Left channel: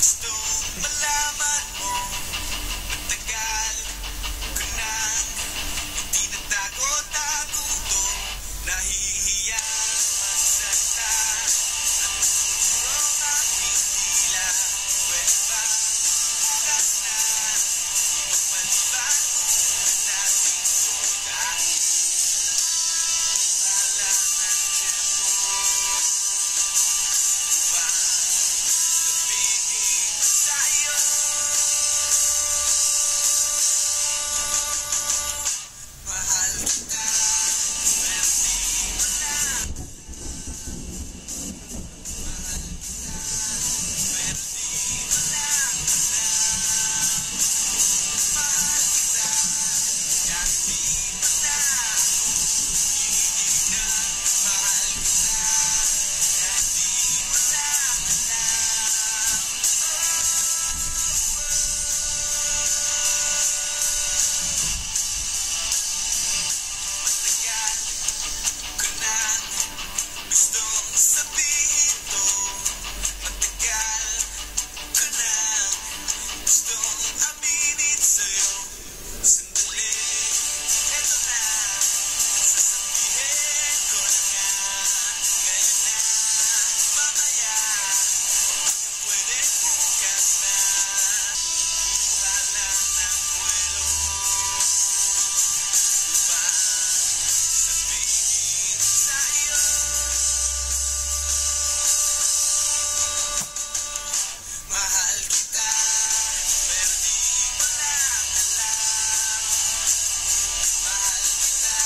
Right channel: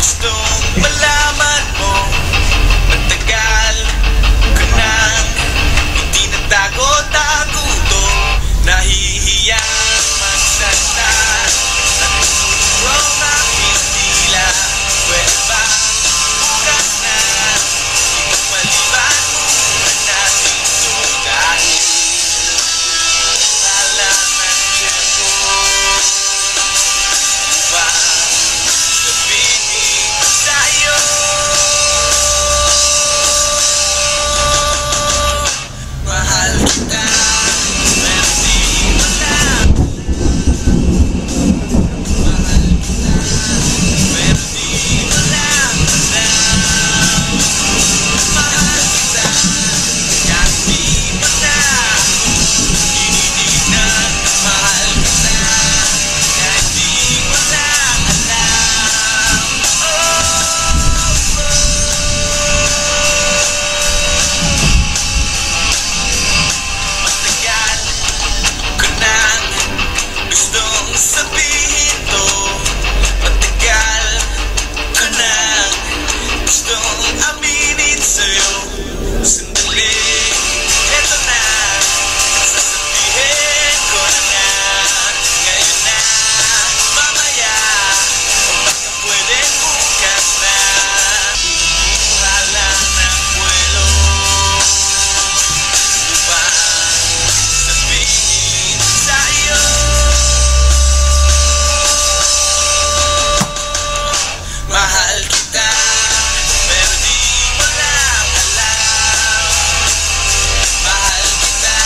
Gustong malaman mo, matagal ka nang hindi natago-tago to. Nahihiya magsalita at nurong aking tila. Pwede ba bukas na ipagpaliban muna natin to, dahil wala ng tiyempo upang sabihin sa'yo. Mahal kita, pero di mo lang. Mahal kita, pero di mo lang alam. Mahal kita, kahit di mo na tinitignan. Mahal kita, kahit di mo lang alam. Matagal ko nang gustong sabihin to. Matagal ko nang gustong aminin sa'yo. Sandali, eto na, sasabihin ko na nga. Ngayon na, mamaya, o baka pwedeng bukas na. Wala ng buwelo upang sabihin sa'yo. Mahal kita, pero di mo lang alam. Mahal kita,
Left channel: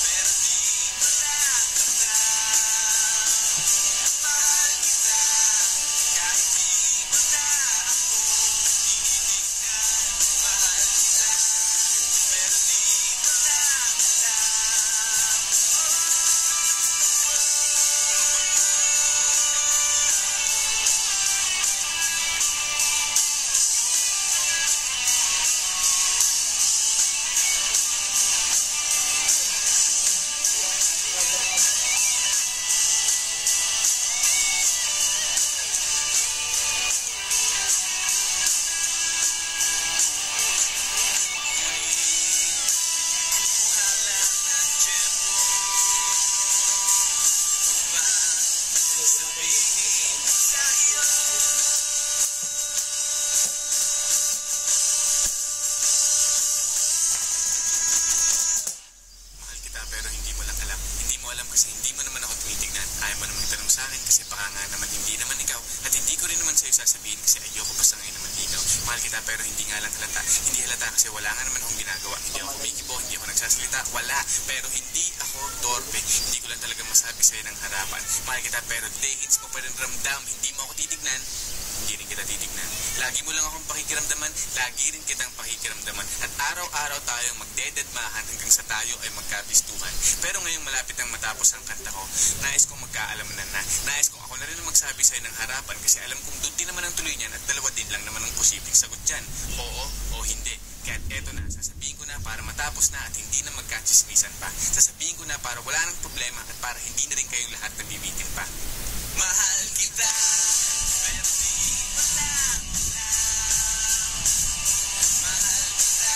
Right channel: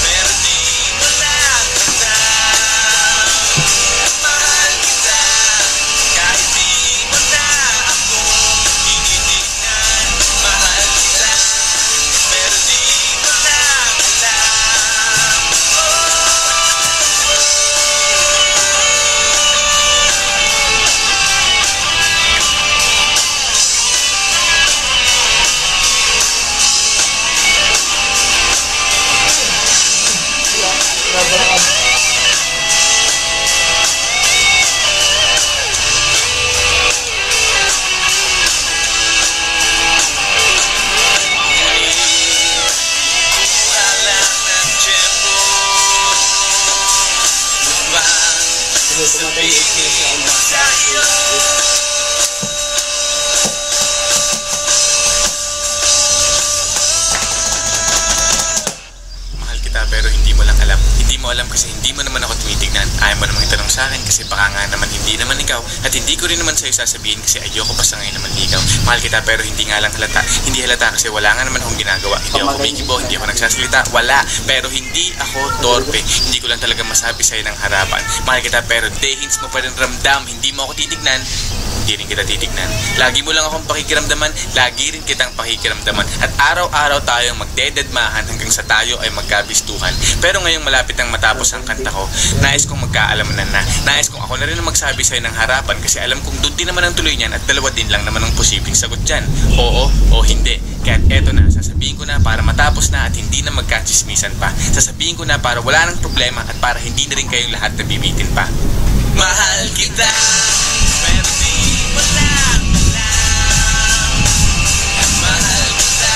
pero di mo lang alam. Mahal kita, kahit di mo na ako tinitignan. Mahal kita, pero di mo lang alam. Wala ng tiyempo upang sabihin sa'yo. Mahal kita, pero hindi mo lang alam. Hindi mo alam kasi hindi mo naman ako tinitignan. Ayaw mo namang itanong sa akin kasi baka nga naman hindi naman ikaw. At hindi ko rin naman sa'yo sasabihin kasi ayoko pa sa ngayon naman ligaw. Mahal kita, pero hindi nga lang halata. Hindi halata kasi wala nga naman akong ginagawa. Hindi ako kumikibo, hindi ako nagsasalita. Wala. Pero hindi ako torpe. Hindi ko lang talaga masabi sa'yo ng harapan. Mahal kita, pero dehins mo pa rin ramdam. Hindi mo ako titignan. Hindi rin kita titignan. Lagi mo lang akong pakikiramdaman. Lagi rin kitang pakikiramdaman. At araw-araw tayong magdededmahan hanggang sa tayo ay magkabistuhan. Pero ngayong malapit ang matapos ang kanta ko, nais kong magkaalaman na. Nais kong ako na rin ang magsabi sa'yo ng harapan kasi alam kong doon din naman ang tuloy niyan at dalawa din lang naman ang posibleng sagot dyan. Oo o hindi. Kaya eto na, sasabihin ko na para matapos na at hindi na magkachismisan pa. Sasabihin ko na para wala nang problema at para hindi na rin kayong lahat nabibitin pa. Mahal kita, pero di mo lang alam. Mahal kita,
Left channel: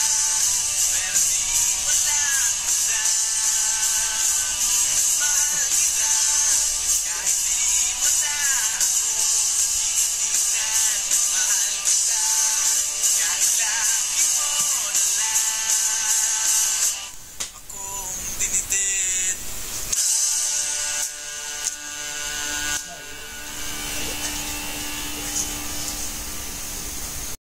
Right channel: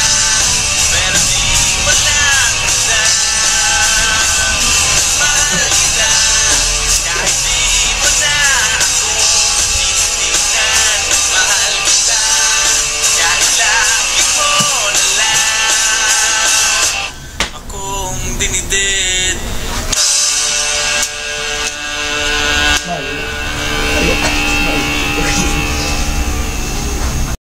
pero di mo lang alam. Mahal kita, kahit di mo na ako tinitignan. Mahal kita, kahit lagi mo na lang akong dinide.